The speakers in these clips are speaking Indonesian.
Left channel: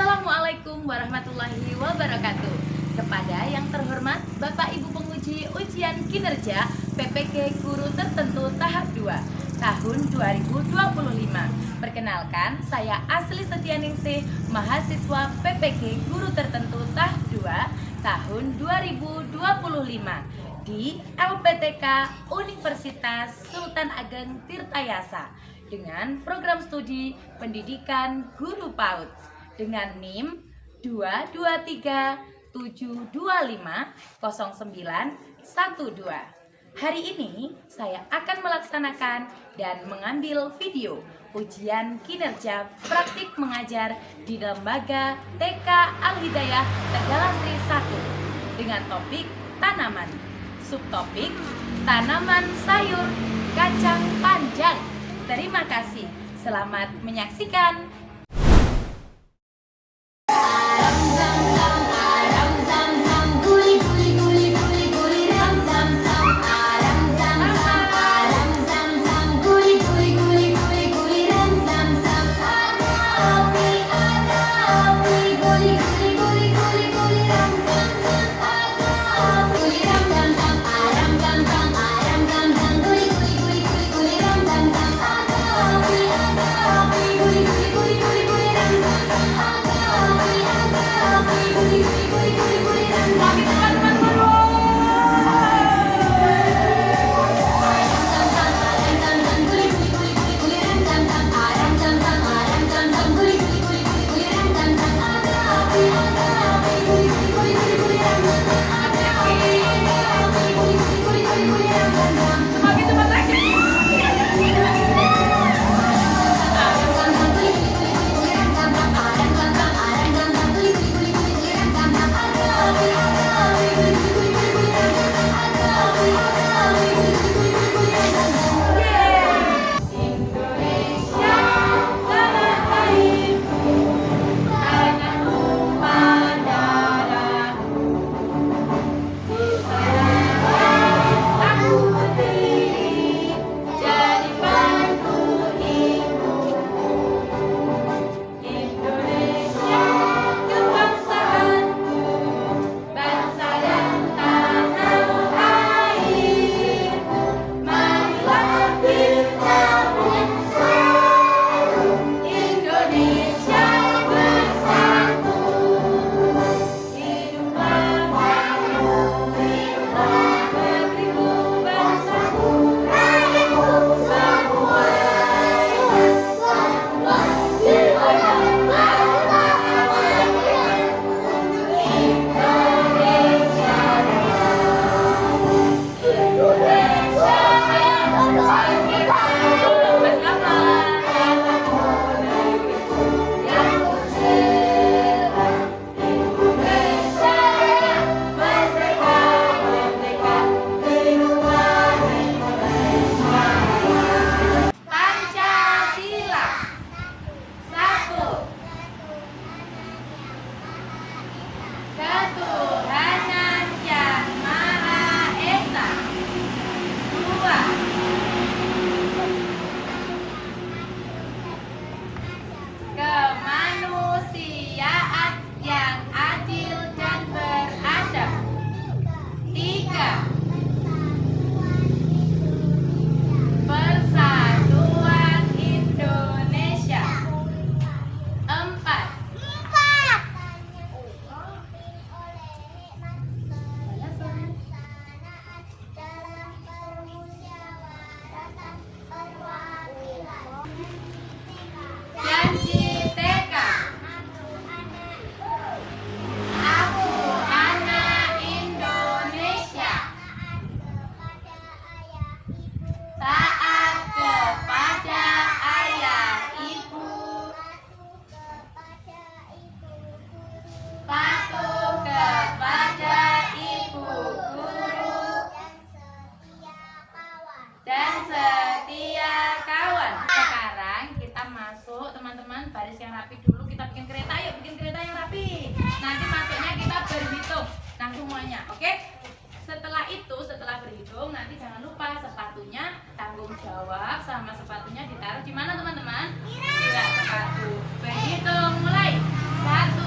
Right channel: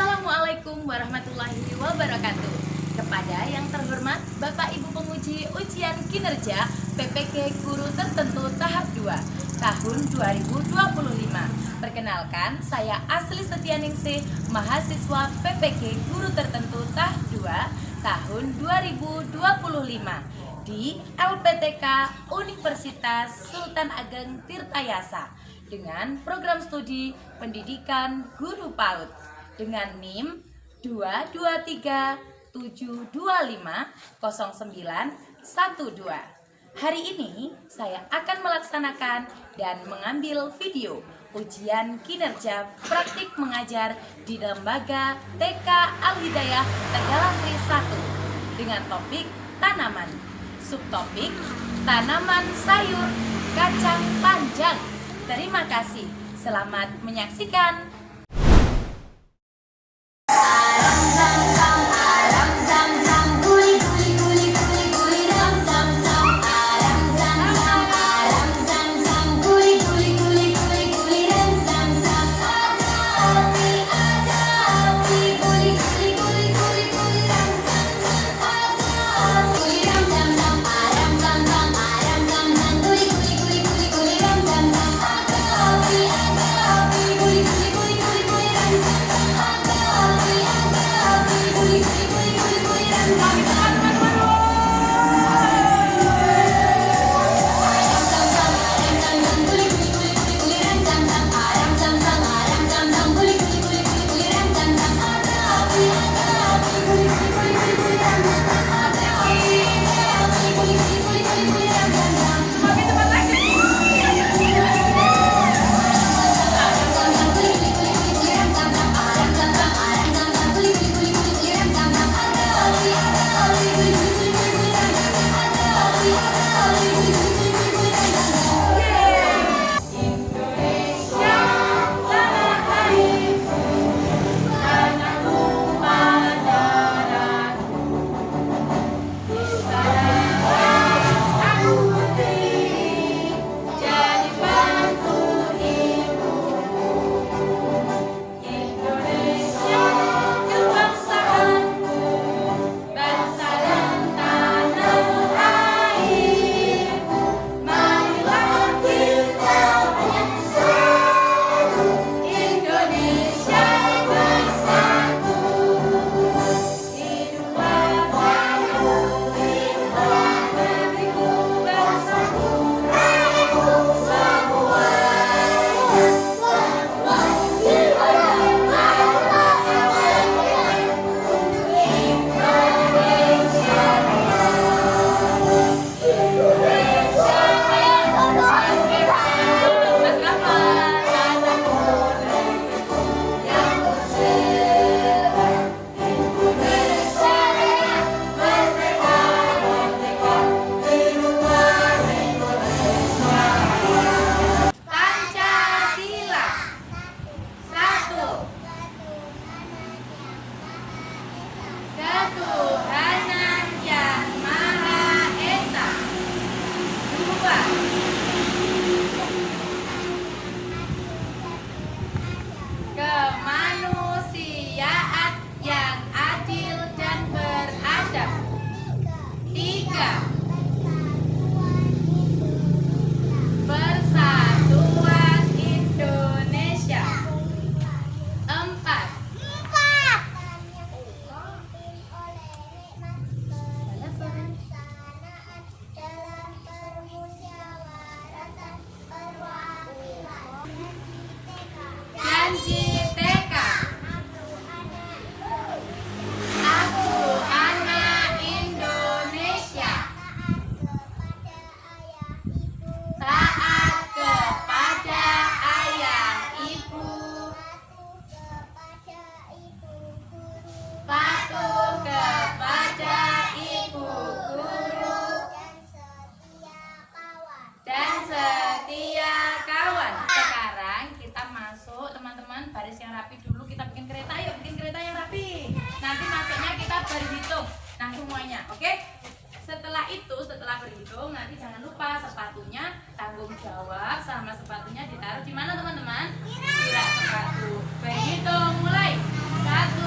Assalamualaikum warahmatullahi wabarakatuh. Kepada yang terhormat Bapak Ibu penguji ujian kinerja PPK Guru Tertentu tahap 2 tahun 2025. Perkenalkan, saya Asli Setianingsih, mahasiswa PPK Guru Tertentu tahap 2 tahun 2025 di LPTK Universitas Sultan Ageng Tirtayasa dengan program studi pendidikan guru PAUD dengan NIM 22372500912. Hari ini saya akan melaksanakan dan mengambil video ujian kinerja praktik mengajar di lembaga TK Al-Hidayah Tegalasri 1 dengan topik tanaman. Subtopik tanaman sayur kacang panjang. Terima kasih. Selamat menyaksikan. Ketuhanan Yang Maha Esa. 2. Kemanusiaan yang adil dan beradab. 3. Persatuan Indonesia. 4. Janji TK. Aku anak Indonesia. Taat kepada ayah ibu. Patuh kepada ibu guru. Dan setia kawan. Sekarang kita masuk, teman-teman, baris yang rapi dulu. Kita bikin kereta, yuk bikin kereta yang rapi. Nanti masuknya kita berhitung. Nah semuanya, oke? Setelah itu, setelah berhitung, nanti jangan lupa sepatunya tanggung jawab sama sepatunya ditaruh di mana, teman-teman? Tidak sepatu. Berhitung mulai. 1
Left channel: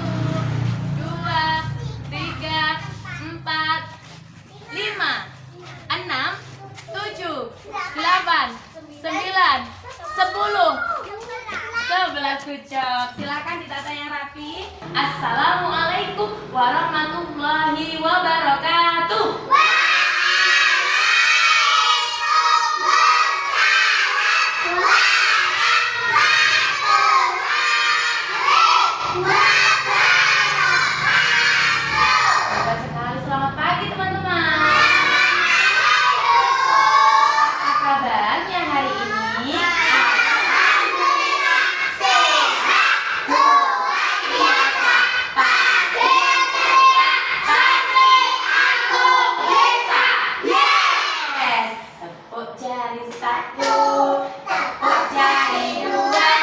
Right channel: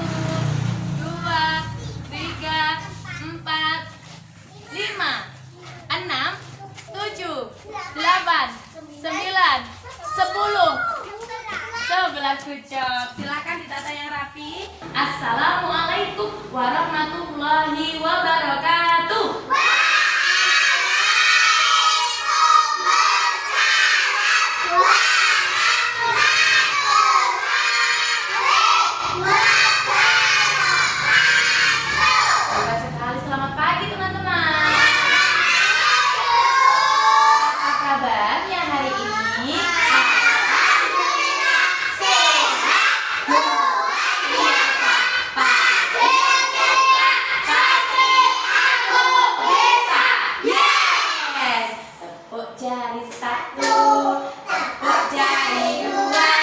Assalamualaikum warahmatullahi wabarakatuh. Hebat sekali, selamat pagi teman-teman. Apa kabarnya hari ini? Tepuk jari satu, tepuk jari dua,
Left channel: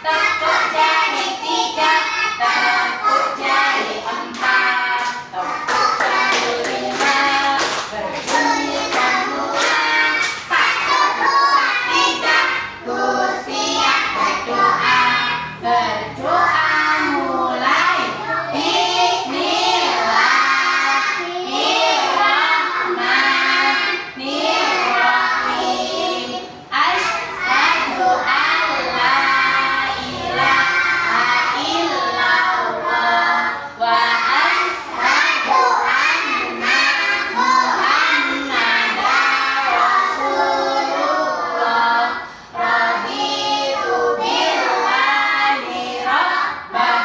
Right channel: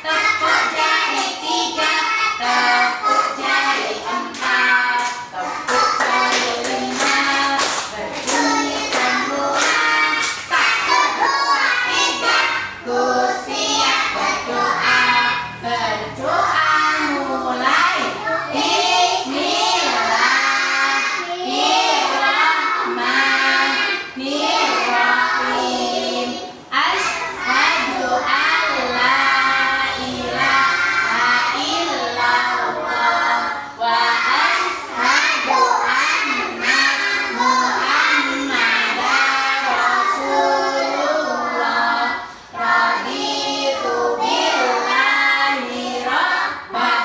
tepuk jari tiga, tepuk jari empat, tepuk jari lima, berbunyi semua. Satu, dua, tiga, ku siap berdoa. Berdoa mulai. Bismillahirrahmanirrahim. Asyhadu an la ilaha illallah wa asyhadu anna Muhammadar Rasulullah. Raditu billahi rabbah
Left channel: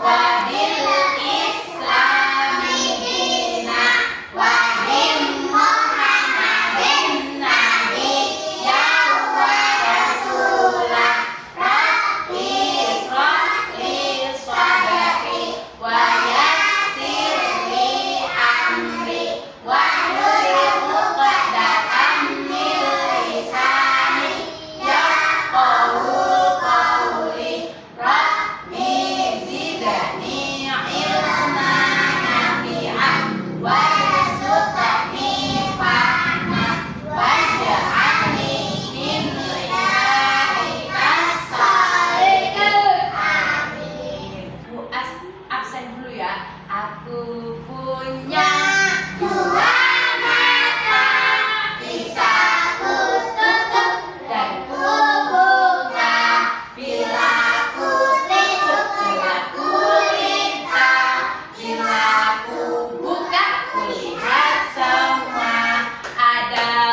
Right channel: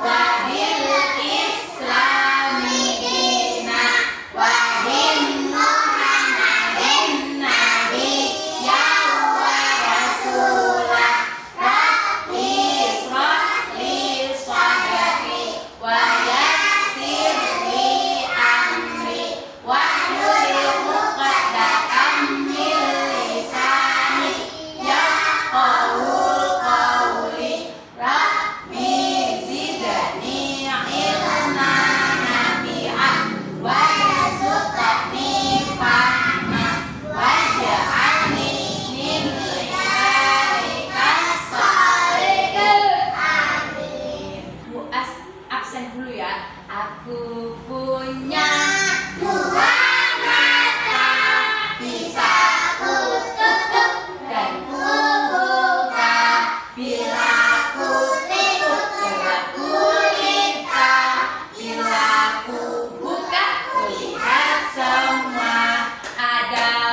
wa bil islami dinan wa bin Muhammadin nabiyyan wa rasulah. Rabbi ishrah li sadri wa yassir li amri wahlul 'uqdatam min lisani yafqahul qawli. Rabbi zidni ilman nafi'an warzuqni fahman waj'alni min ibadikas sholihin. Amin. Bu absen dulu ya. Aku punya dua mata, bisa ku tutup dan ku buka. Bila ku tidur gelap gulita, bila ku buka kulihat semua. Ada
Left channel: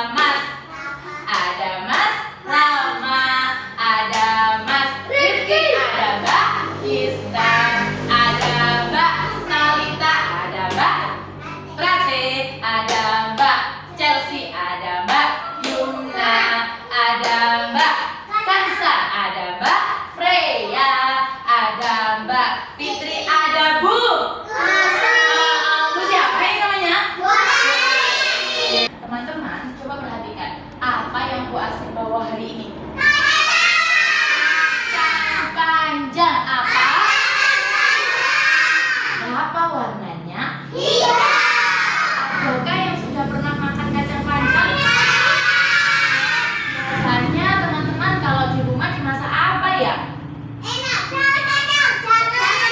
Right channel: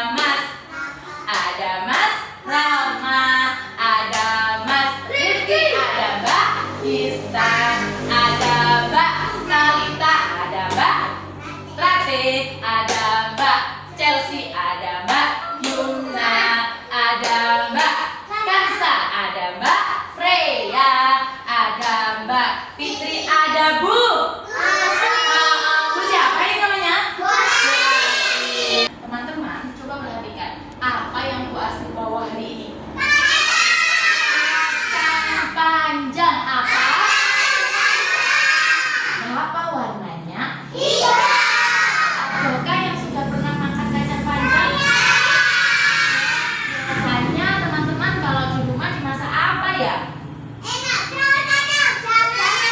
Mas Rama, ada Mas Rifki, ada Mbak Dista, ada Mbak Talita, ada Mbak Rate, ada Mbak Chelsea, ada Mbak Yumna, ada Mbak Kansa, ada Mbak Freya, ada Mbak Fitri, ada Bu siapa ini namanya? Teman-teman, coba perhatikan apa yang Bu Asri bawa hari ini. Kacang panjang. Apa? Berapa warnanya? Adakah yang sudah pernah makan kacang panjang? Biasanya teman-teman kalau di rumah dimasak apa ya?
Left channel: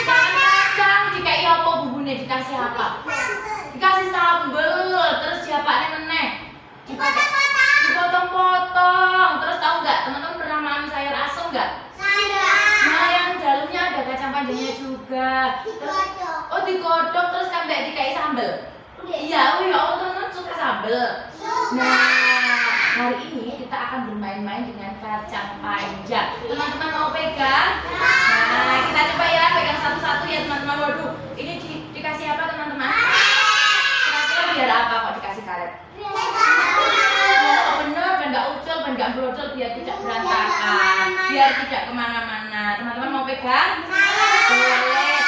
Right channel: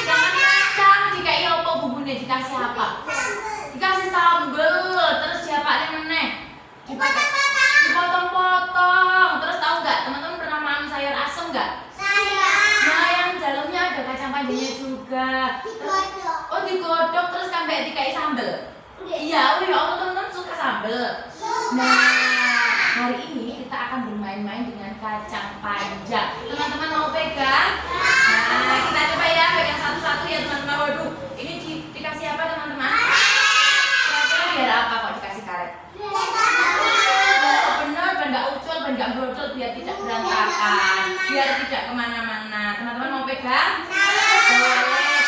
Kacang dikai opo bumbunya, dikasih apa? Dikasih sambel, terus siapa neneh? Dipotong-potong. Terus tahu nggak teman-teman pernah makan sayur asem nggak? Nah, yang dalamnya ada kacang panjangnya juga. Terus, digodok terus sampai dikai sambel. Iya, Allah teman-teman suka sambel. Nah, hari ini kita akan bermain-main dengan kacang panjang. Teman-teman mau pegang? Nah, kita coba ya, pegang satu-satu ya teman-teman. Waduh, ini dikasih apa teman-teman? Kira-kira biar apa kok dikasih karet? Oh, bener, benda ucul, benda brodol biar tidak berantakan, biar tidak kemana-mana. Teman-teman mau pegang? Boleh.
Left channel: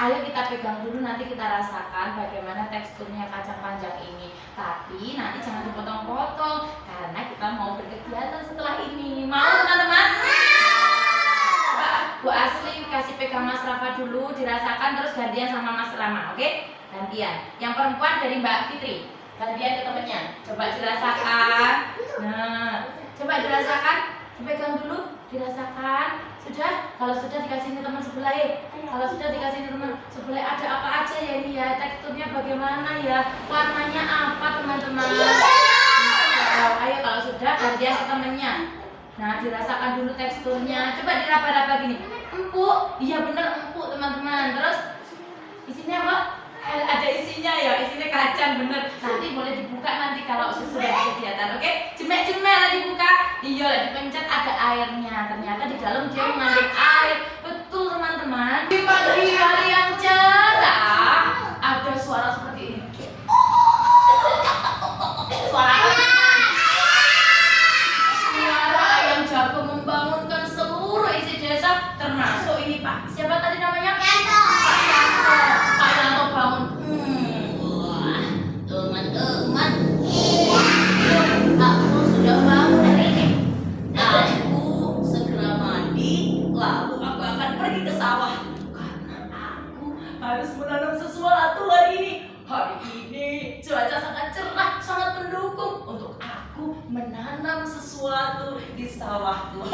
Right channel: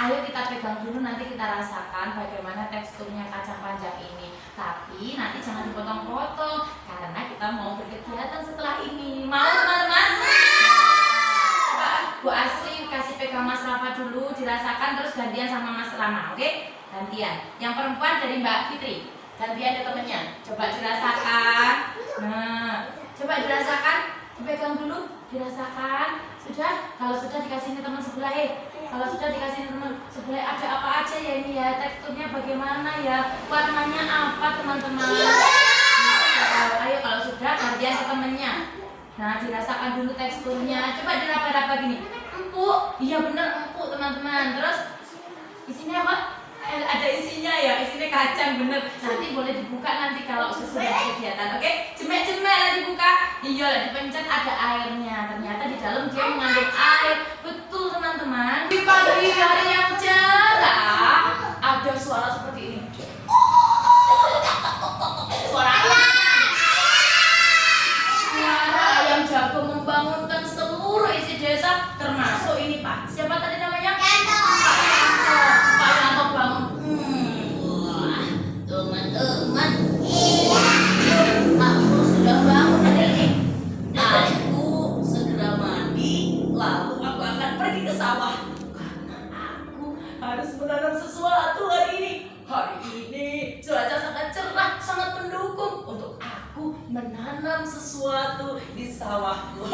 Ayo kita pegang dulu, nanti kita rasakan bagaimana teksturnya kacang panjang ini. Tapi nanti jangan dipotong-potong karena kita mau berkegiatan setelah ini. Mau teman-teman? Coba Bu Asri kasih pegang Mas Rafa dulu, dirasakan, terus gantian sama Mas Rama, oke? Gantian. Yang perempuan dari Mbak Fitri, gantian ke temennya. Coba dirasakan. Nah, coba dirasakan. Dipegang dulu, dirasakan. Sudah? Kalau sudah dikasih ini teman sebelah. Kalau sudah dikasih ini teman sebelah, ada apa aja ya ini ya? Teksturnya bagaimana ya? Warnanya apa teman-teman? Ayo kalau sudah gantian ke temennya. Nah, dirasakan dulu teksturnya. Coba diraba-raba gini. Empuk. Iya bener empuk teman-teman. Terus Isinya apa? Ada isinya ya, isinya kacang bener. Nanti boleh dibuka nanti kalau sesudah kegiatan, oke? Cemek-cemek lah dibuka. Iya lah dipencet ada airnya. Ternyata di dalam dia mengandung air. Betul teman-teman. Di pagi hari yang cerah ada suara seperti ini. Suara apa? Suara ayam jago membangunkan seluruh isi desa, termasuk ini Pak. Siapa tadi namanya? Yanto. Pak Yanto. Pak Yanto bangun. Wah, teman-teman. Aku sudah bangun hari ini. Aku segera mandi, lalu aku akan pergi ke sawah karena aku harus menanam sesuatu hari ini. Hari ini cuaca sangat cerah, sangat mendukung untuk aku menanam sesuatu di sawahku.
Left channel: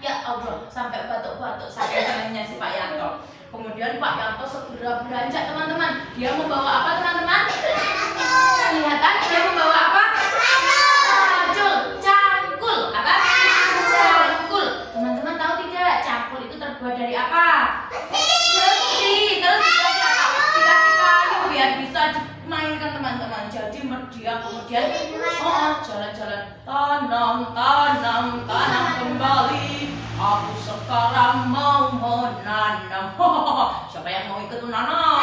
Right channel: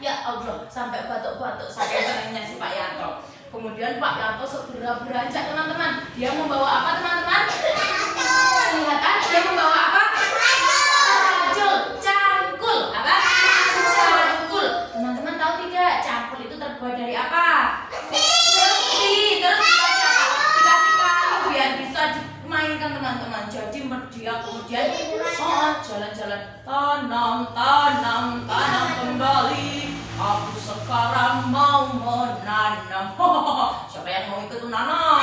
Ya Allah, sampai batuk-batuk saking senangnya si Pak Yanto. Kemudian Pak Yanto segera beranjak teman-teman. Dia membawa apa teman-teman? Kelihatan dia membawa apa? Cangkul. Apa? Cangkul. Teman-teman tahu tidak? Cangkul itu terbuat dari apa? Besi. Terus dikasih apa? Dikasih kayu biar bisa dimainkan teman-teman. Jadi dia kemudian jalan-jalan tanam kembali. Aku sekarang mau menanam. Siapa yang mau ikut menanam?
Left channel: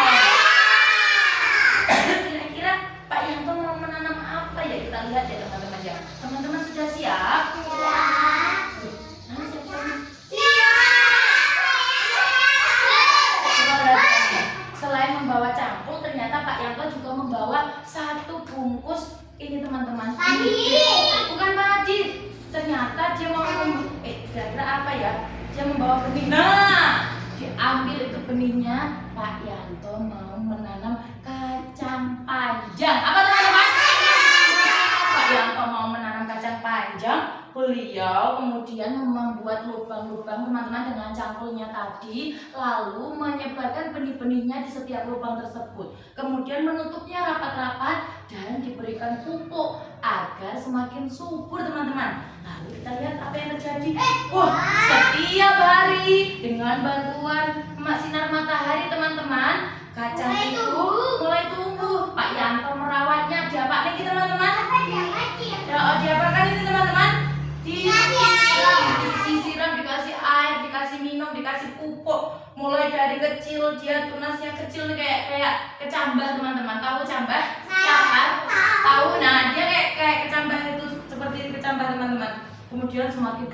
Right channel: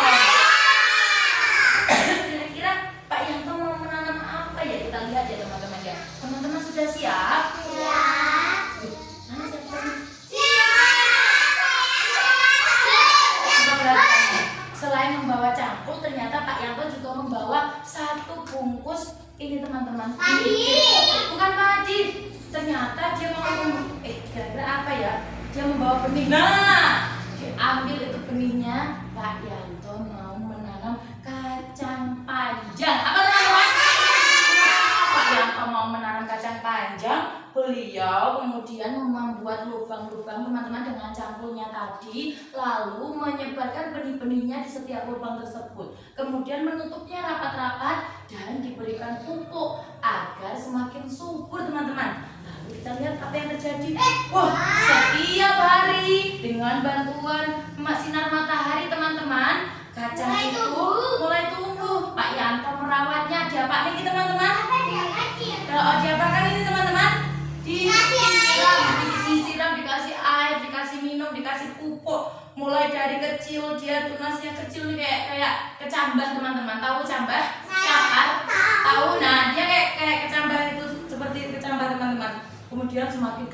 Kira-kira Pak Yanto mau menanam apa ya? Kita lihat ya teman-teman ya. Teman-teman sudah siap? Siap. Mana siap-siapnya? Selain membawa cangkul, ternyata Pak Yanto juga membawa satu bungkus ini teman-teman. Bukan padi. Ternyata dia mau kira-kira apa ya? Dia membawa benih. Nah, diambil itu benihnya. Pak Yanto mau menanam kacang panjang. Apa teman-teman? Pak Yanto mau menanam kacang panjang. Beliau kemudian membuat lubang-lubang teman-teman dengan cangkulnya tadi, lalu menyebarkan benih-benihnya di setiap lubang tersebut. Kemudian menutupnya rapat-rapat dan diberikan pupuk agar semakin subur teman-teman. Lalu kita lihat apa yang terjadi. Wah, setiap hari dengan bantuan sinar matahari teman-teman, kacang itu mulai tumbuh. Pak Yanto merawatnya. Diapakan ini teman-teman? Diapakan ini teman-teman? Disiram, dikasih air, dikasih minum, dikasih pupuk. Mulai dari kecil, dia tunasnya kecil nih kayak kecambah teman-teman. Tahu kecambah? Campar? Tahu? Nah, dia kayak kecambah itu, seperti kecambah teman-teman. Kemudian semakin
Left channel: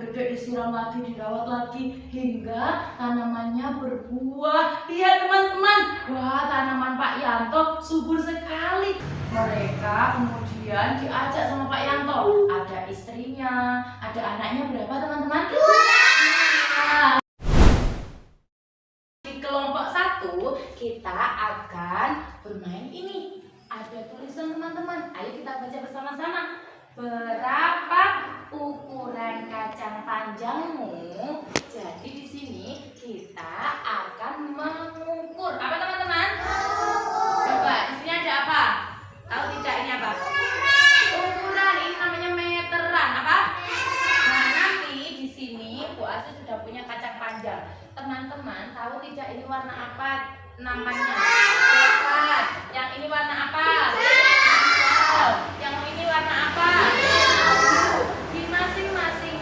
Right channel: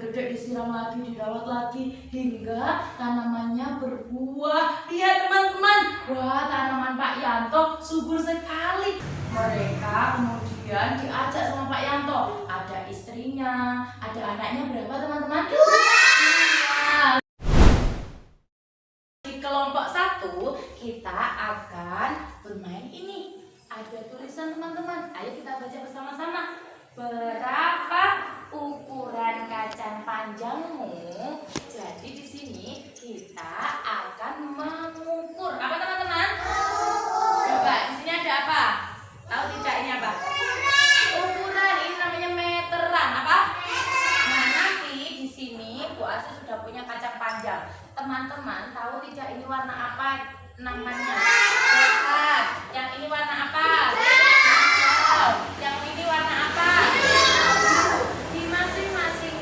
gede disiram lagi, dirawat lagi hingga tanamannya berbuah. Lihat teman-teman, wah tanaman Pak Yanto subur sekali. Mereka kemudian diajak sama Pak Yanto. Ada istrinya, ada anaknya berapa teman-teman? 2. Di kelompok 1 kita akan bermain ini. Ada tulisan teman-teman. Ayo kita baca bersama-sama. Berapa ukuran kacang panjangmu? Jadi di sini kita akan mengukur. Apa teman-teman? Coba di sini ada apa? Tahu tidak ini apa? Ukuran. Ini namanya meteran. Apa? Nah nanti di sini Bu Asu sudah punya kacang panjang. Teman-teman tahu tidak ini warna apa namanya? Coklat. Yang ini warna apa? Yang ini warna apa? Di masing-masing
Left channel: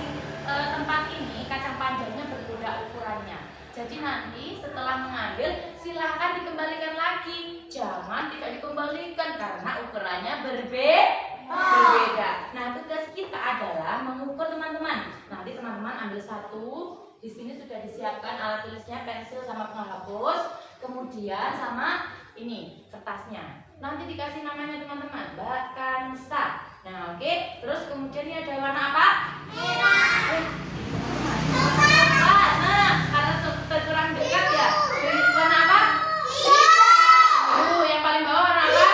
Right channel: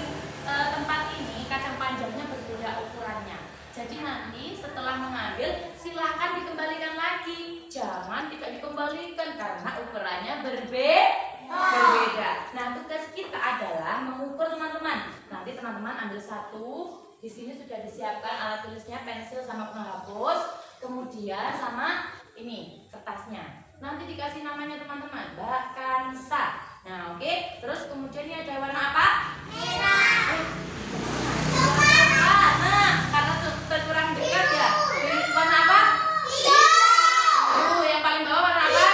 tempat ini kacang panjangnya berbeda ukurannya. Jadi nanti setelah mengambil silahkan dikembalikan lagi. Jangan tidak dikembalikan karena ukurannya berbeda. Nah tugas kita adalah mengukur teman-teman. Nanti teman-teman ambil satu. Di sini sudah disiapkan alat tulisnya, pensil sama penghapus. Kemudian sama ini kertasnya. Nanti dikasih namanya teman-teman, Mbak Kansa. Nah oke, terus kemudian ini ada warna apa? Merah. Nah karena kurang dekat ya. Warna apa? Yang paling bawah warna apa?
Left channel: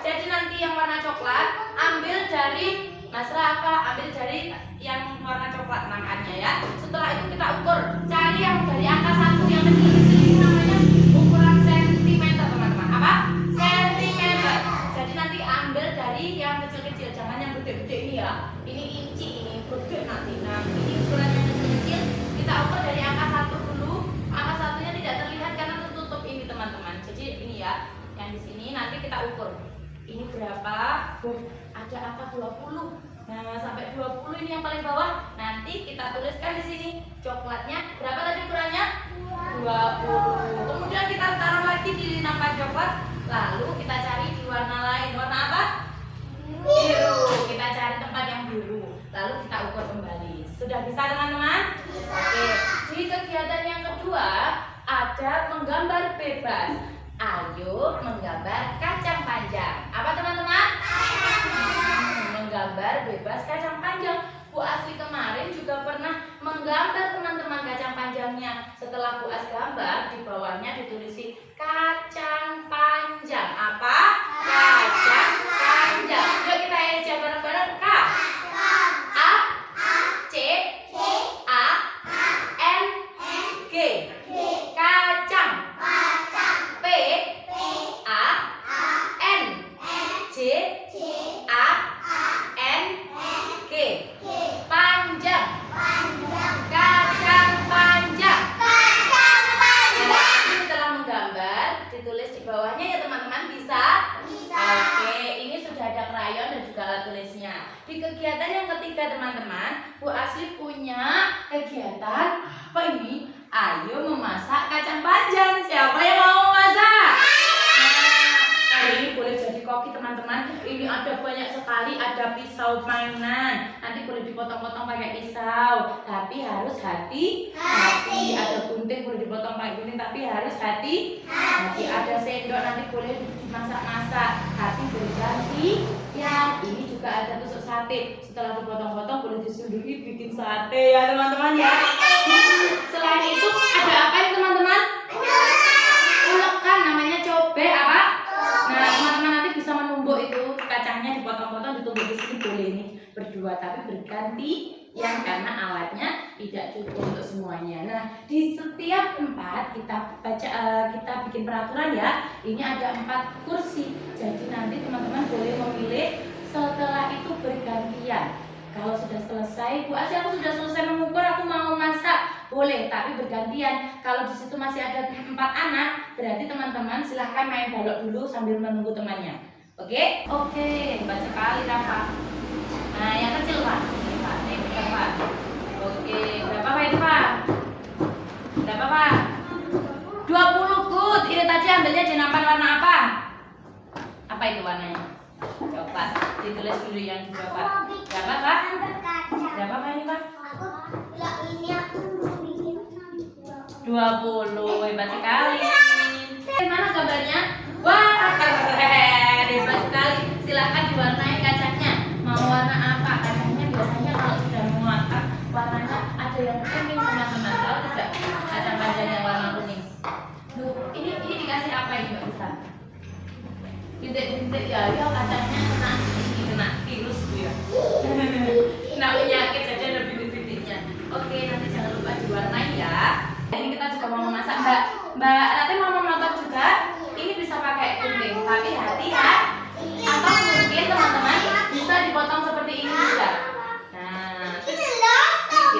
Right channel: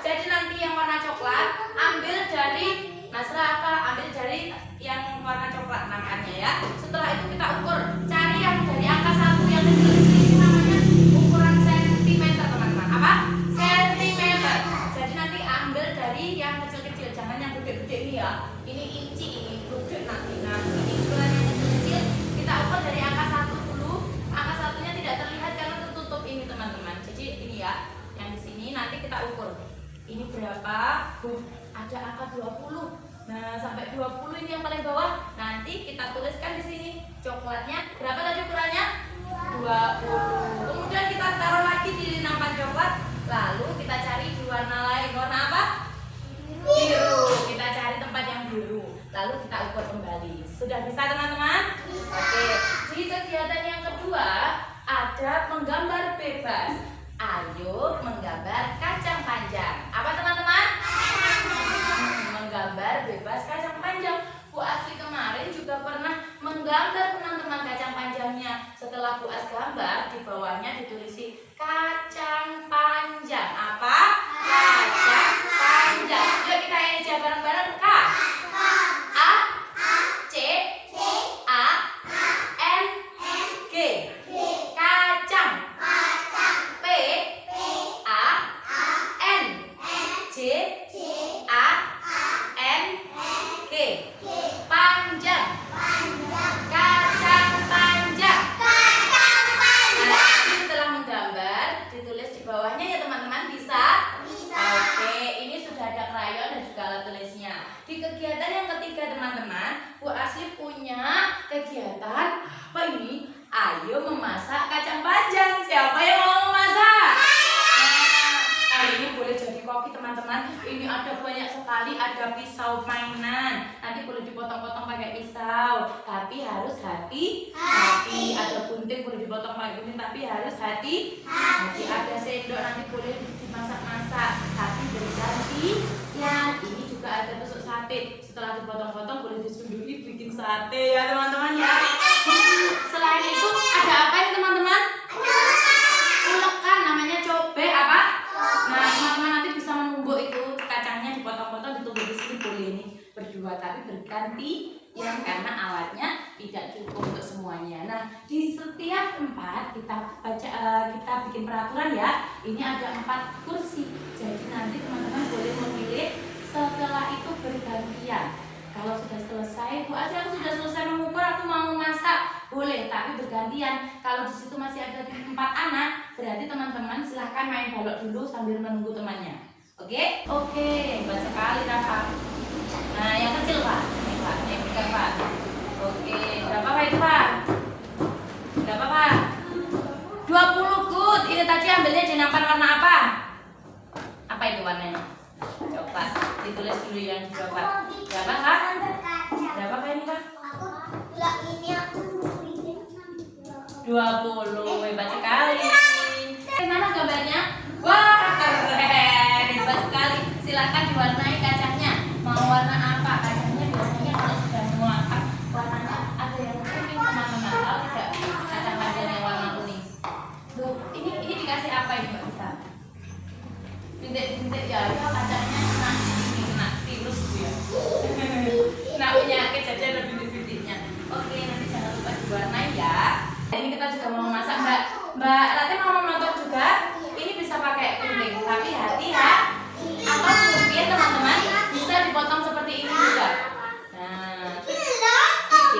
Jadi nanti yang warna coklat ambil dari Mas Rafa, ambil dari yang warna coklat namanya ya. Setelah itu kita ukur, cari yang dari angka 1 yang kecil-kecil ini namanya ukuran sentimeter teman-teman. Apa? Sentimeter. Jadi nanti ambil dari yang kecil-kecil, jangan yang gede-gede ini ya. Ini inci, ini gede nanti. Nah ini ukuran yang kecil-kecil kita ukur dari berapa? Ada angka 20. Nah, sampai 20 ini yang paling bawah. Nanti kita tuliskan di sini coklatnya berapa tadi ukurannya? 20. Kemudian kita taruh lagi di nampan coklat. Lalu kita cari di warna lain. Warna apa? Biru. Kita cari tempat yang biru. Lalu kita ukur kembali. Sudah bisa teman-teman? Oke. Di kegiatan yang kedua ada menggambar bebas. Ayo menggambar kacang panjang. Apa teman-teman? Menggambar bebas kacang panjang. Bu Asli kemarin juga pernah menggambar teman-teman kacang panjangnya. Setelah Bu As gambar, di bawahnya ditulisi kacang panjang. Apa? Kacang panjang. Yuk kita eja bareng-bareng. K A C A N G. Kacang. P A N J A N G. Panjang. Kacang panjang. Nah, setelah menggambar ditulis di bawahnya ya teman-teman, bisa? Oke, ini sudah ada krayon dan juga alat tulisnya. Di kegiatan yang ketiga teman-teman, Bu Asli punya kegiatan apa ini? Ayo memasak kacang panjang. Siapa yang mau memasak? Nah, ini boleh jadi koki teman-teman. Ini ada banyak sekali, ada pisau mainan. Nanti boleh dipotong-potong pakai pisau, tapi harus hati-hati. Ada gunting boleh dipotong pakai gunting, tapi harus hati-hati. Ada sendok nanti boleh dimasak-masak, tapi berganti. Ya, ini juga ada tusuk sate. Setelah dipotong-potong boleh disunduki bikin sate ya teman-teman ya. Selain itu ada apa ya teman-teman? Ulekan, namanya cobek apa? Nah, teman-teman nanti bisa menumbuk itu kacangnya, dipotong-potong ditumbuk di sini boleh ini berdua, tapi berganti yang karena alatnya tidak cukup untuk semuanya. Nah, di setiap tempat kita baca kita bikin peraturan ya. Ini ada 4 kursi. Jadi nanti teman-teman boleh memilih, setelah itu bergantian. Kalau sudah selesai, Bu Asli aku sudah selesai mengukur, aku mau masak, boleh, tapi bergantian. Kalau di situ masih ada 4 anak, berarti teman-teman silahkan main balok dulu sambil menunggu temannya. Oke? Oke, hebat sekali Rafa. Nah, yang kecil Pak. Ini Pak, ini pegang Pak. Oke, berapa Pak itu Pak? Berapa Pak? 20, good. Ini tadi ambilnya di nampan warna apa? Apa itu warnanya? Coklat. Ditulis dulu yang di coklat. Berapa Kak? Berapa Kak ini Kak? 20, hebat sekali. Mana gambarnya? Wah, keren, hebat sekali. Silahkan diwarnai kacangnya. Mau warna apa? Kacangnya biasanya kalau sudah matang warnanya ada yang kuning teman-teman. Tahu tidak? Kacang panjang yang warna kuning. Tuh, ini dikasih apa ini Mbak Ustaz? Bintik-bintik ya, kacangnya kena virus gitu ya. Kena penyakit jadi ada bintik-bintiknya. Oke, nanti jangan lupa diwarnai ya. Ini kita juga mau memasak Mbak nanti mau memotong juga. Ini bisa pakai gunting, tapi hati-hati. Atau mungkin teman-teman bisa dipotong seperti ini juga. Nah, gitu.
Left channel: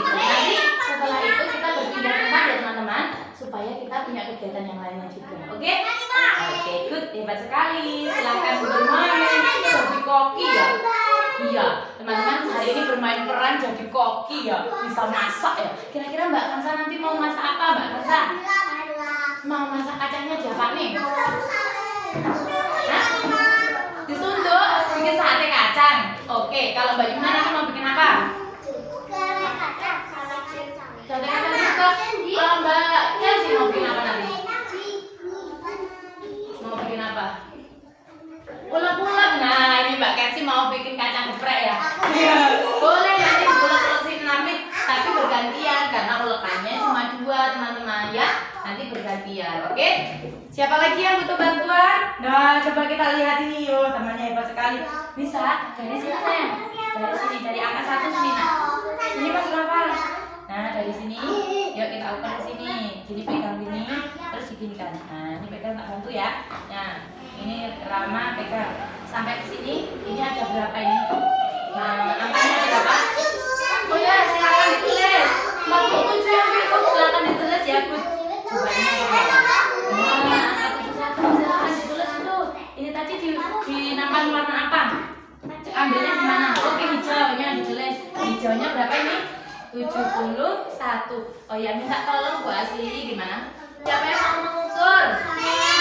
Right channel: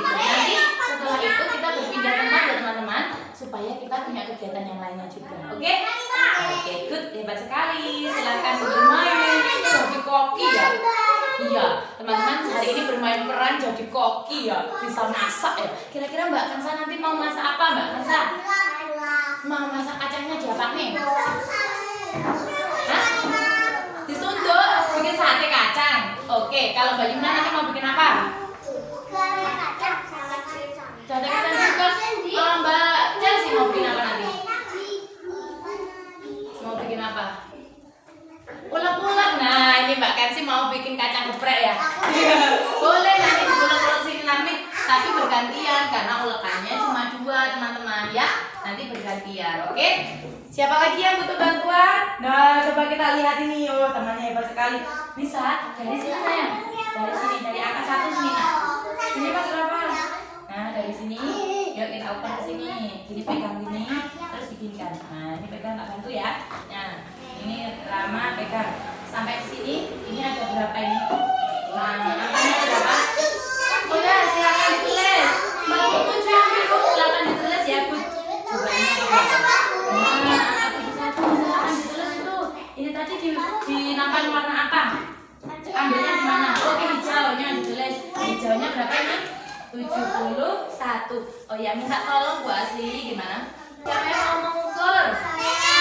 Nanti setelah itu kita berpindah tempat ya teman-teman, supaya kita punya kegiatan yang lainnya juga. Oke? Oke, good, hebat sekali. Silakan bermain jadi koki ya. Iya, teman-teman hari ini bermain peran jadi koki ya, bisa masak ya. Kira-kira Mbak Kansa nanti mau masak apa Mbak Kansa? Mau masak kacangnya diapain nih? Hah? Disunduk, bikin sate kacang. Oke, kalau Mbak Yuna nanti mau bikin apa? Sate kacang juga. Kalau Mbak Chelsea mau bikin apa nanti? Mau bikin apa? Ulek-ulek. Nah, ini Mbak Kensi mau bikin kacang geprek ya. Boleh nanti diulek-ulekin nanti, tapi bergantian karena ulekannya cuma 2 teman-teman ya. Nanti bergantian, oke? Siapa lagi yang butuh bantuan? Nah, coba kita lihat ini. Oh, temannya hebat sekali. Bisa? Dari sini sayang. Dari sini, dari angka 1 sini nak. Sini Mas Rafa. Nah, dari sini. Yuk kita ukur ke sini. Jadi pegang gini, terus diginikan. Nah, ini pegang tak bantu ya. Nah, ini Rama pegang sampai ke sini. Ini ada berapa ini? Nah, angkanya berapa? Oh ya, silakan ditulis. 47 yang cukup, silakan ditulis ya, Bu. Coba ini apa berapa? Nah, angka 71 silakan ditulis dulu. Ini tadi di nampan warna apa? 1. Oh ya, minta tolong Bu Asli, gimana? Siapa yang mau mengukur?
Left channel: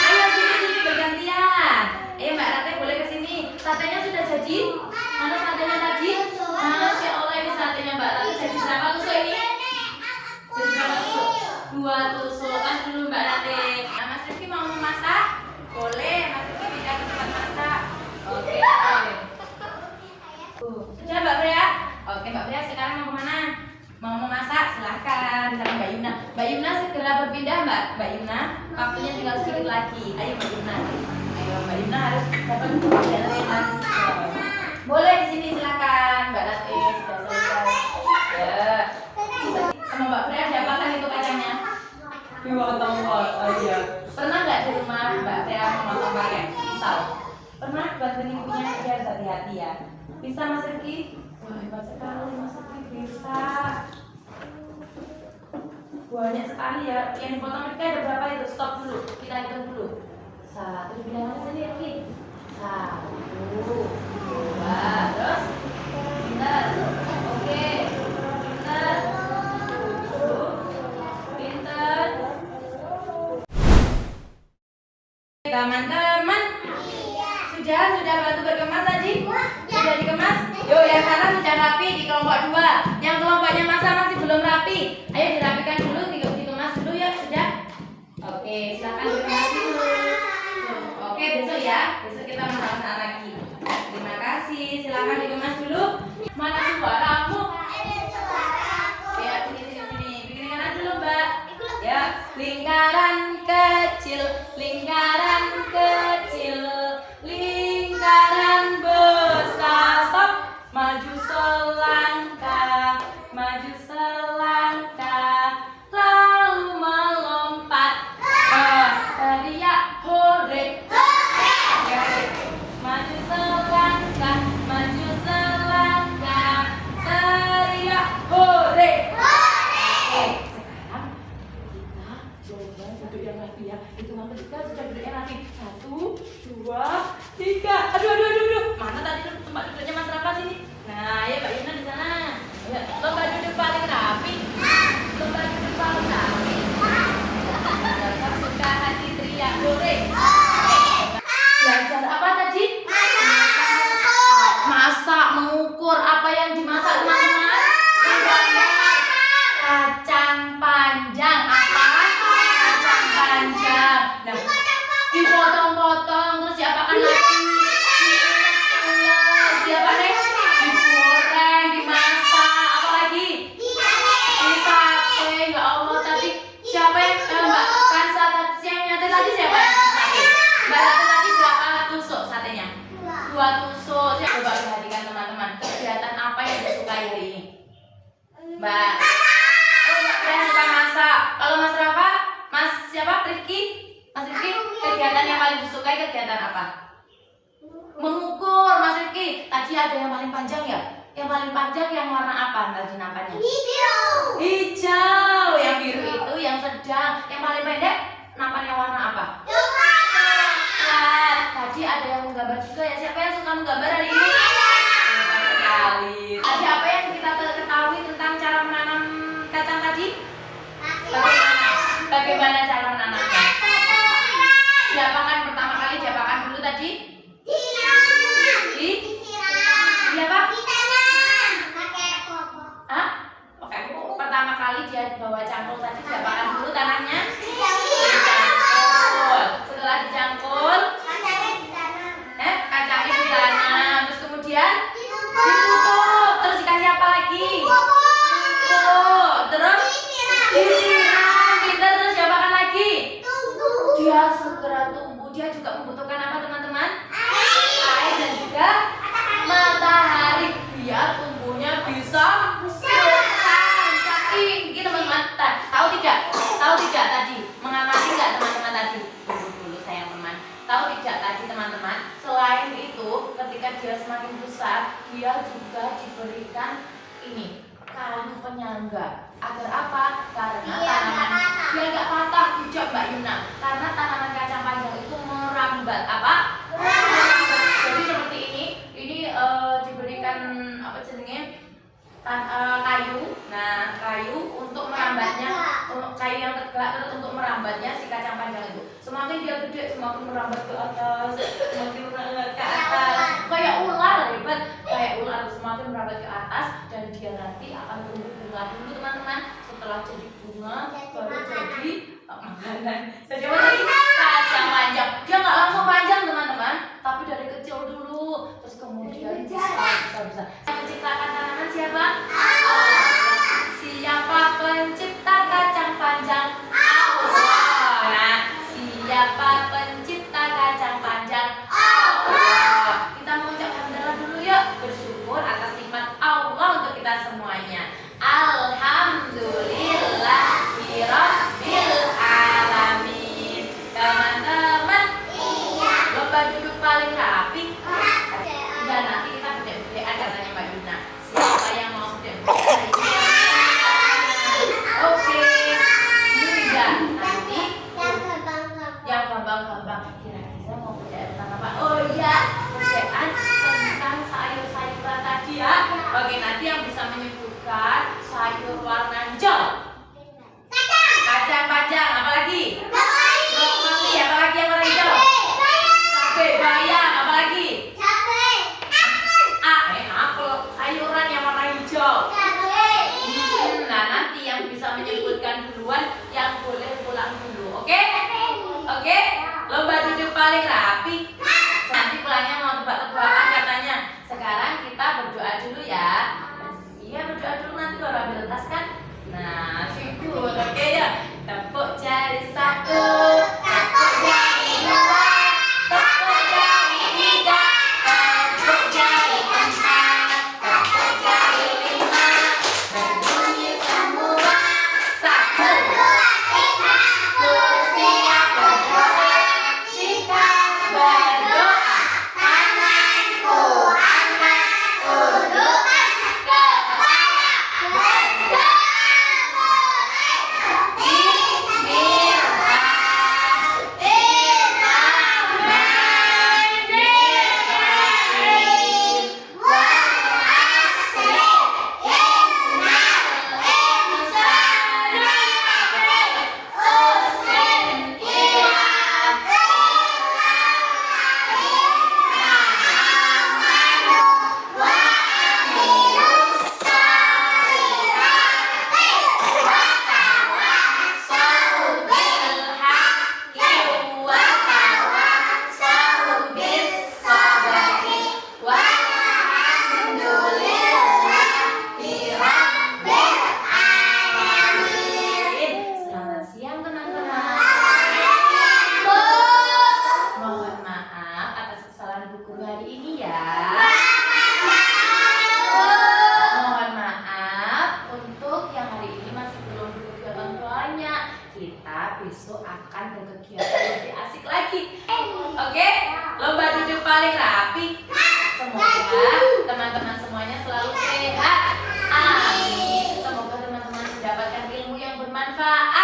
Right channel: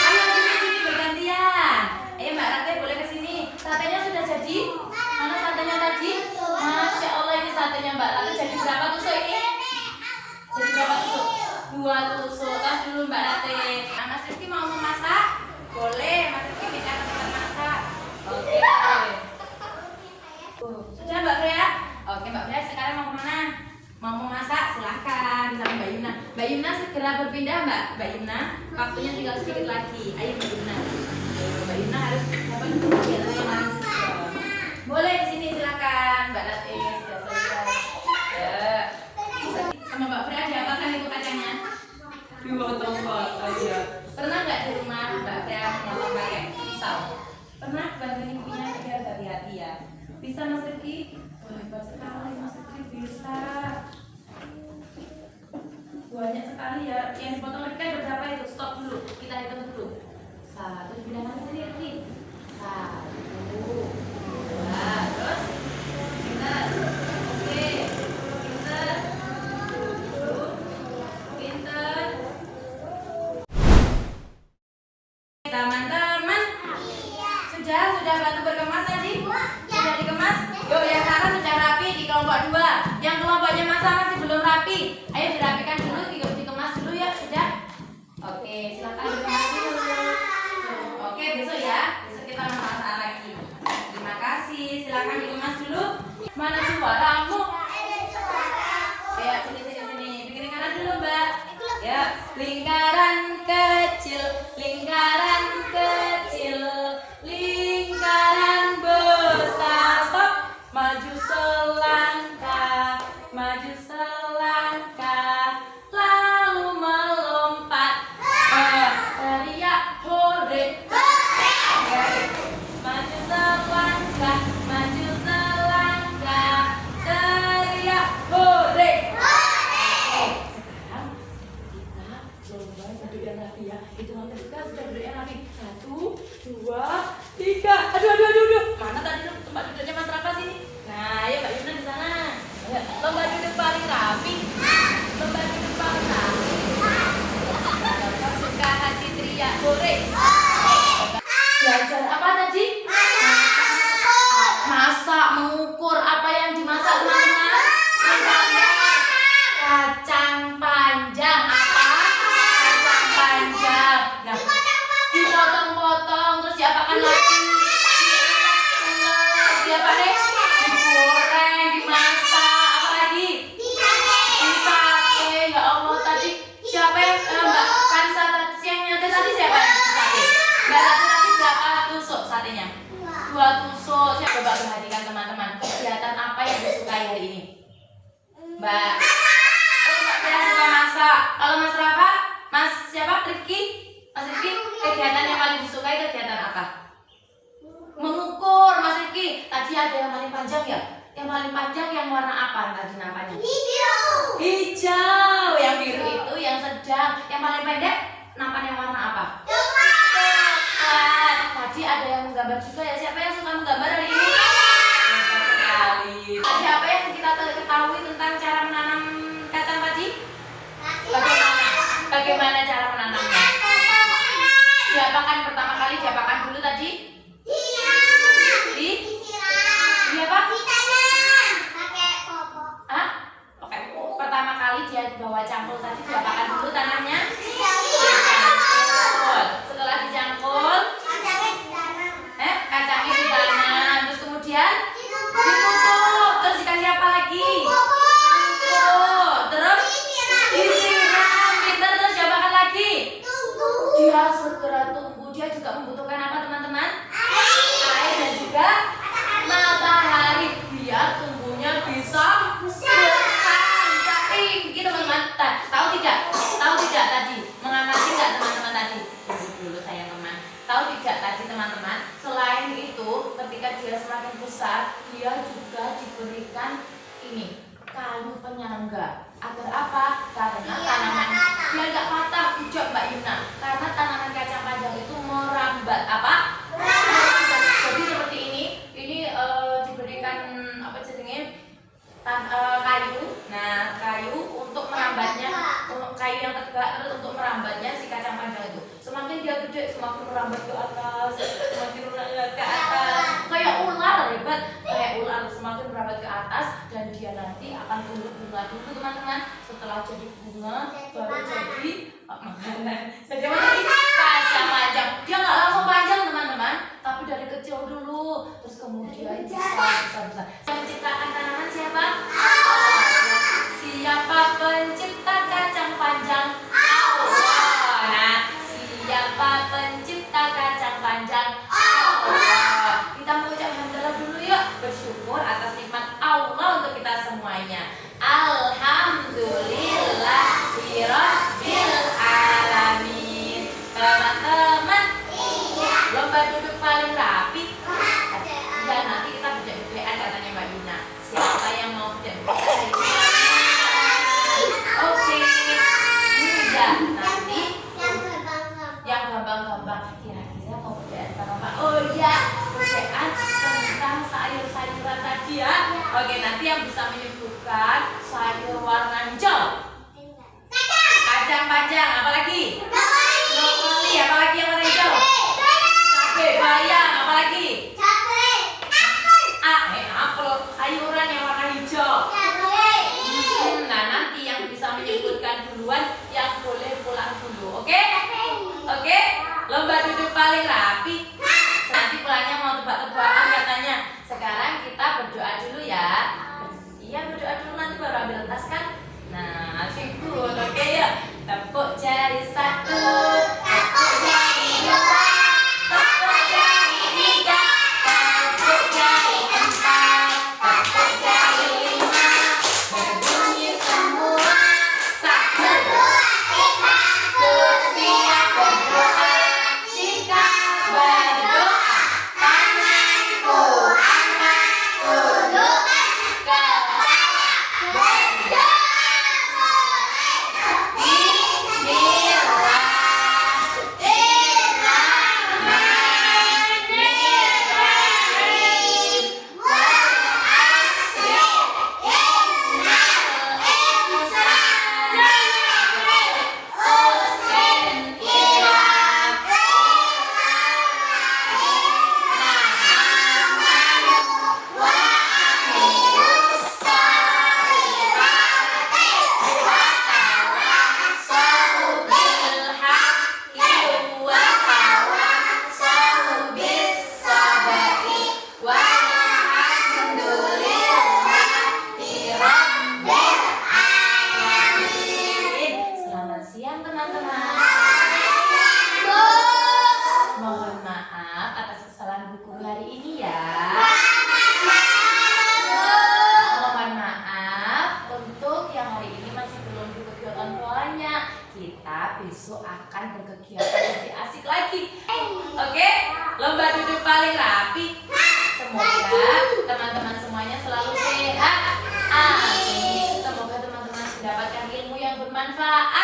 Ayo sini bergantian. Ayo Mbak Rate boleh ke sini. Satenya sudah jadi? Mana satenya tadi? Masya Allah, ini satenya Mbak Rate jadi berapa tusuk ini? Jadi berapa tusuk? 2 tusuk. Kas dulu Mbak Rate. Nah, Mas Rifki mau memasak? Boleh, Mas Rifki minta tempat masak. Oke. Sudah Mbak Brea? Oke Mbak Brea, sekarang mau kemana? Mau memasak? Silahkan sama Mbak Yuna. Mbak Yuna segera berpindah Mbak Yuna. Waktunya tinggal sedikit lagi. Ayo Mbak Yuna. Ayo Mbak Yuna harus dapat kegiatan yang lanjut. Boleh di sini silakan Mbak Rate sudah selesai. Ya. Sama Mbak Brea diapakan itu kacangnya? Dimotong. Oh iya. Pernah nggak di rumah Mbak Brea memotong pakai pisau? Pernah? Bantuin ibunya biar hati-hati ya. Bisa Mas Rifki? Wah hebat sekali Mas Rifki bisa. Banyak sekali ya. Yang dipotong Rifki ada berapa itu? Stop dulu. Kita hitung dulu. 1 bilangan saja Rifki. 1, 2, terus pintar. Oke. Pintar. Pintar. Teman-teman. Sudah bantu berkemas tadi? Sudah dikemas? Yuk yang sana sudah rapi di kelompok 2. Yang kelompoknya masa masih belum rapi. Ayo dirapikan dulu, dikemas dulu ya sudah. Oke, silakan dikemas dulu. Oke, besok ya. Besok kita masak lagi. Terima kasih. Silakan dikemas dulu. Mana suaramu? Ya, sini. Bikin lingkaran dulu, Mbak. Ya, lingkaran kecil, lingkaran kecil. Lingkaran besar, stop. Maju selangkah, lalu melompat. Teriak hore. Maju selangkah, teriak hore. Sekarang kita coba duduk yang rapi ya. Hitungan ketika sudah duduk yang rapi. 1, 2, 3. Aduh. Mana tadi tempat duduknya Mas Rafa sini? Nah, ayo Mbak Yuna di sana. Lomba duduk paling rapi. Rafa suka hati teriak hore. Belajar apa tadi? Masak, mengukur. Apa yang dimasak teman-teman? Kacang panjang. Apa? Kacang panjang. Nah, dipotong-potong terus diapakan lagi? Diapakan nih? Digoreng, dimasak, apa lagi? Disate. Ya Allah, tadi siapa yang Mbak Kansa tadi yang nyate tadi siapa yang disate? Mbak Rate tadi berapa tusuk satenya? 2 tusuk. Coba perhatikan teman-teman, kegiatan apa yang disukai hari ini? Mbak Brea suka masak. Kalau Mas Rafa, Mas siapa? Rifki? Mas Rifki, kegiatan yang paling disukai kegiatan apa? Mengukur. Mas Rifki, tadi ada yang paling panjang ya? Yang paling panjang yang warna apa tadi nampaknya? Hijau. Yang biru itu yang sedang. Yang paling pendek nampaknya warna apa? Coklat. Tadi ada yang menggambar juga ya? Siapa yang suka menggambar hari ini? Hebat sekali. Tadi apa yang kita ketahui tentang cara menanam kacang tadi? Bagaimana cara menanamnya? Diapakan pertama kali? Diapakan dulu tadi? Di apa? Hah? Oke. Pertama kali dia bawa cangkul tadi diapakan dulu tanahnya? Dicangkul. Setelah dicangkul, kacangnya ditanam. Terus kemudian ditutup. Terus dikasih apa lagi? Pupuk. Terus disiram. Pintar. Terus diapakan lagi? Dia segera tumbuh. Dia juga membutuhkan apa teman-teman? Air dan juga matahari. Biar tumbuhnya bisa besar, bisa tinggi teman-teman. Tahu tidak tadi? Mengamati nggak teman-teman tadi? Tunggu dulu sayang teman. Tahu tidak tadi teman-teman? Selain itu, ketika dia semakin besar, dia juga diberikan ini kayu penyangga. Agar apa? Karena tanaman dia nggak patah. Hijau Mbak Yuna. Karena tanaman kacang panjang itu merambat. Apa? Merambat. Jadi seperti ini diberikan apa jenisnya? Kayu. Nah, kayu untuk merambatnya, kayu yang tegak, terus untuk merambatnya si kacang panjang itu semakin dia gede semakin merambat ke atas, semakin merambat ke atas, kayak ular hebat, kayak ular semakin merambat ke atas, dan dia nanti akan tumbuh bunga dulu teman-teman. Setelah jadi bunga baru jadi makanan. Bagaimana tadi? Kacang panjang. Dia nggak langsung panjang teman-teman, tapi dari kecil dulu, terus kemudian besar. Menciptakan tanaman siapa? Siapa pencipta kacang panjang? Allah. Nah, siapa pencipta kacang panjang? Allah. Kita mengucap hamdalah dulu yuk, bersyukur atas nikmat Allah untuk kita semuanya. Alhamdulillahirabbil alamin. Teman-teman, lomba duduk paling rapi. Dan nanti kita bedek-bedekan katanya Mbak Dina. Siapa yang mau bedek-bedekan? Oke. Mudah. Nanti yang gampang-gampang. Kira-kira mau bedekan apa? Oh iya, bedekan tentang sayur-sayuran tadi ya. Oke, nanti yang bisa menyebutkan sayur warna hijau. Kacang panjang, apa lagi? Brokoli, apa lagi yang warna hijau? Cabai, bayam, apa lagi? Apel, sayuran yang warna hijau. Nah, nanti yang bisa menyebutkan duluan yang boleh pulang dulu, oke? Oke? Lomba duduk paling rapi. Nanti pulangnya mau tebak-tebakan katanya. Sekarang kita berdoa dulu ya. Iya, berdoa dulu nanti baru ambil tas kan? Nah, sibuk, oke ya. Tepuk jari 1, tepuk jari 2, tepuk jari 3, tepuk jari 4, tepuk jari 5, berbunyi semua. 1, 2, 3, bersiap berdoa. Jika berdoa, tanganku angkat, tundukkan kepala, berdoa. Kita besok akan berkegiatan lebih asik lagi. Oke? Lomba duduk paling rapi. Semoga teman-teman semuanya selalu sehat. Amin. Semoga teman-teman mendapatkan ilmu yang bermanfaat.